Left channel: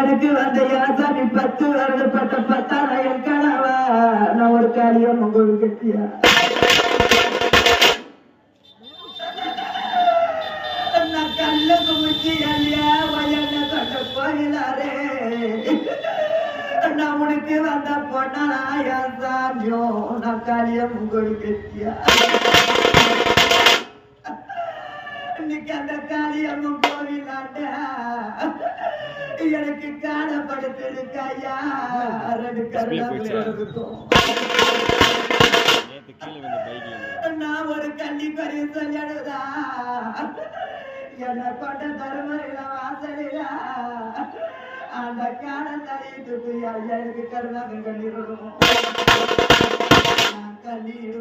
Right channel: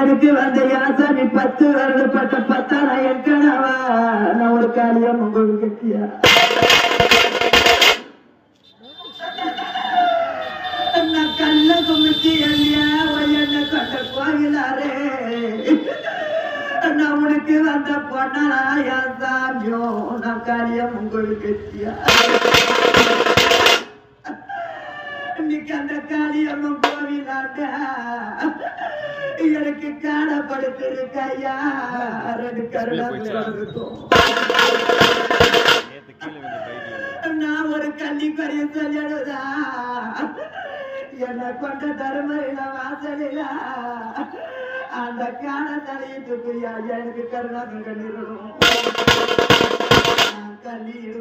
எடுத்து வந்த யாசாமி 10 வருடப்பட்ட 10,000 கனவா நான் ஒரு காலியம் உங்களுக்கு கட்டியா நான் கல்ல குமிச்சு ஐயா வயல்ல கொண்ட கோயிலாரே நான் உனக்கு வந்த பொண்ணா யாசாமியோ நான் காலியம் உங்களுக்கு கட்டியா இன்னைக்கு அந்த காளியம்மன் கோவிலாண்ட எனக்கு காணப்படுத்திருக்கையா 2 கருணாக்கும் நான் ஒரு கண்ணி கரைய சொல்லிடுதா என்ன கொண்ட தருமரில வாசலில அந்த காண தலையிட்டுக்குரியா எனக்கு கருணாக்கம் கண்ணிடணும் கண்ணீர்